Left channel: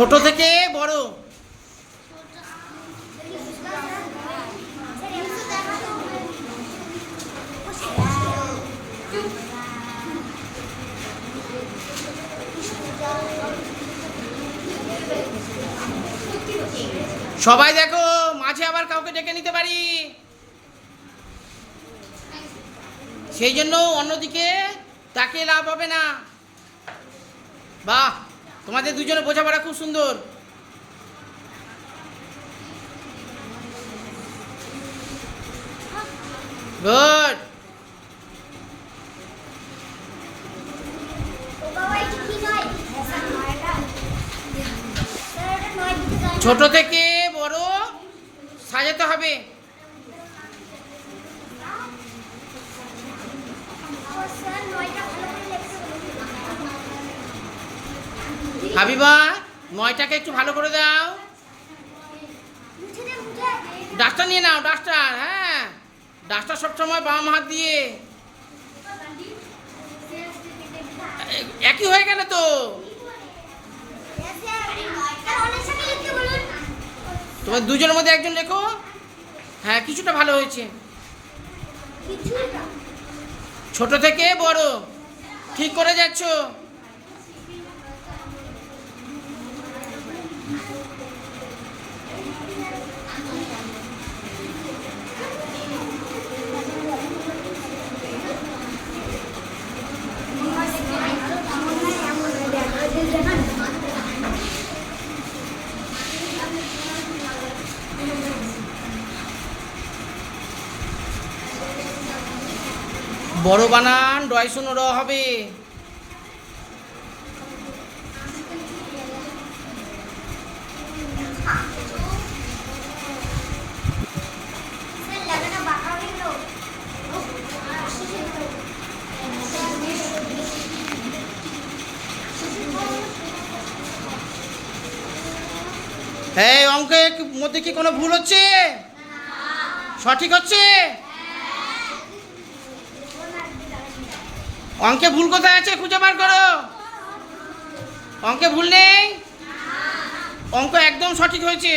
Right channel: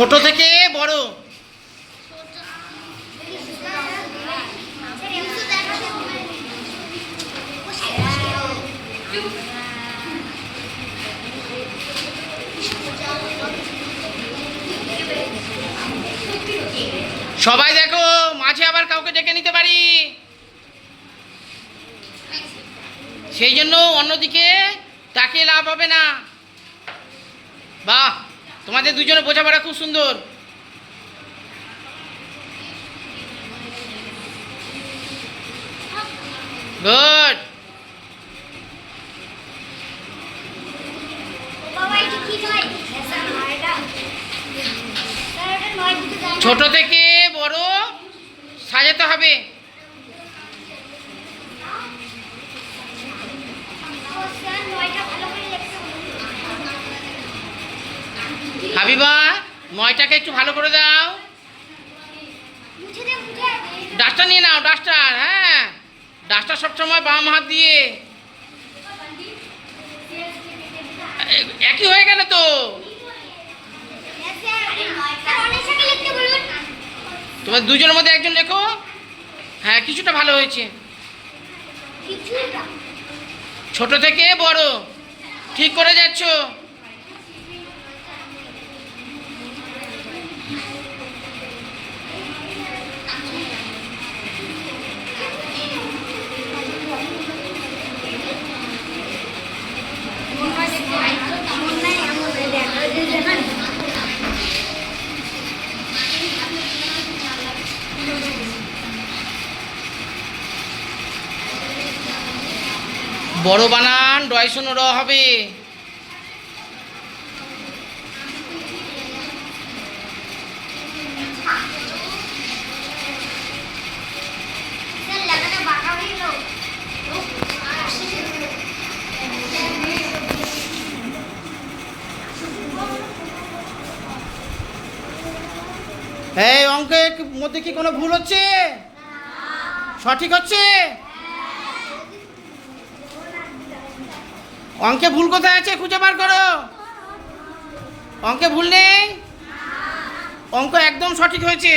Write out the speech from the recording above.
ছোট থেকে বড়। সবাই দেখো, মাঝে আবার কাউকে ডেকে নিতে পারি। সেই জন্য অন্যদিকে তাকিয়ে লাভ হবে না। বাহ! তোমাদের দুজনে বোঝাপড়া খুব সুন্দর। গুড ছোট থেকে বড় সাজাতে হবে। হাবিবা নয়টাকে একটু ভালো করে দাও। ডাস্টার নিয়ে নাও ডাস্টার হ্যাঁ। ডাস্টার সবসময় বাম হাত দিয়ে। একই হয়ে গেল তো। তোমার দুজনের মধ্যে একজন লেখো। হ্যাঁ কিছুটা ভালো হয়েছে। ছোট থেকে বড়। ঠিক করে যাচ্ছ। বড় বানান ডয়সন র হবে। এই অঙ্কের মধ্যে কি কোনো ভুল হচ্ছে? সঠিক হচ্ছে? অঙ্কে ভুল কোথায় আছে খুঁজে বার করো। অঙ্কে ভুল নেই? অঙ্ক একদম সঠিক হয়েছে।